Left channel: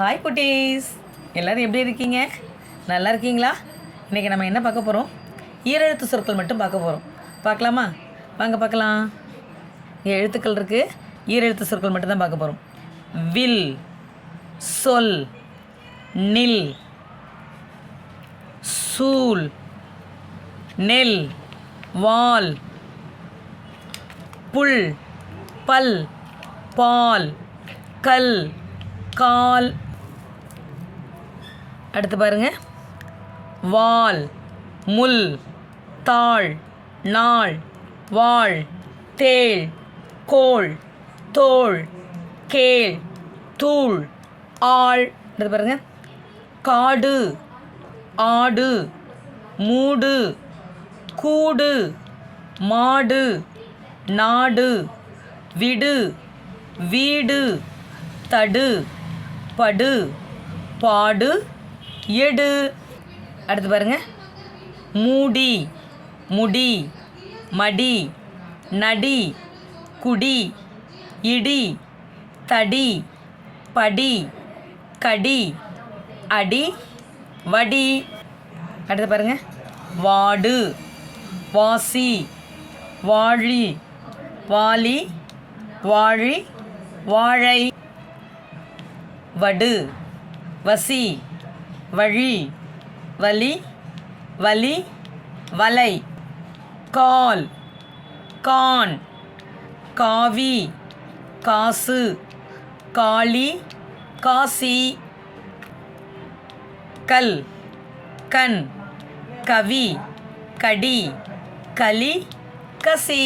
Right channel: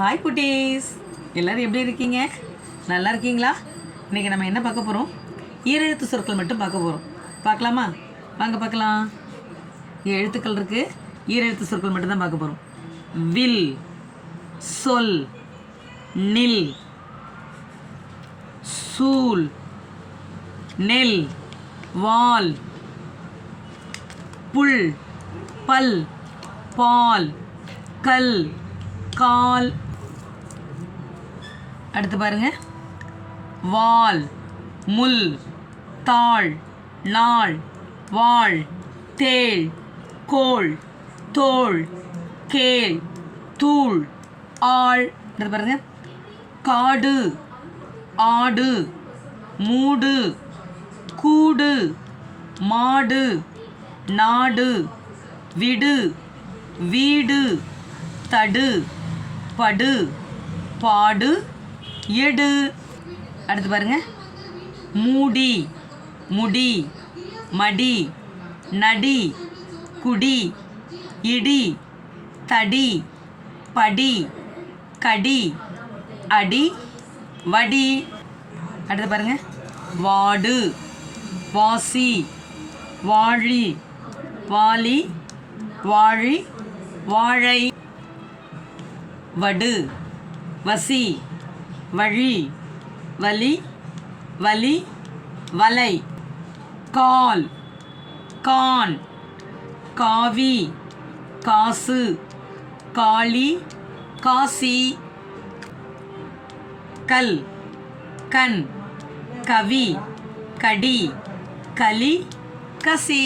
Hi குட்டீஸ். எல்லோரும் எப்படி இருக்கீங்க? நல்லா இருக்கீங்களா? இன்றைக்கி நம்ம என்ன பார்க்க போகிறோம் ஈரெழுத்து சொற்கள் மட்டும் பார்க்க போகிறோம் பார்க்கலாமா? வாங்க பார்க்கலாம். இங்கே எழுத்துக்கள் இருக்குது ஈரெழுத்து சொற்கள் மட்டும் தான் பார்க்க போகிறோம் வில் சொல் நில் சூல் நெல் வால் புல் பல் பால் கல் கால் அடுத்து பாருங்க. வால் முள் தாள் நாள் வாழ் தேள் கோள் தோள் கேள் தூள் ஆள். அடுத்து பாருங்க. காடு ஆடு மூடு கூடு மாடு நாடு விடு வீடு தடு படு பாடு எடு. அடுத்து பாருங்க. மூடி முடி மடி நடி குடி இடி தடி படி கடி அடி வடி. அடுத்து பாருங்க. வாடு வாசி வாழி வாலி வாழி வாழை. வடு வசி. வழி வலி வலி வலை கால் கான் காவி காசு காளி காசி கல் கண் கவி கடி கலி கசி.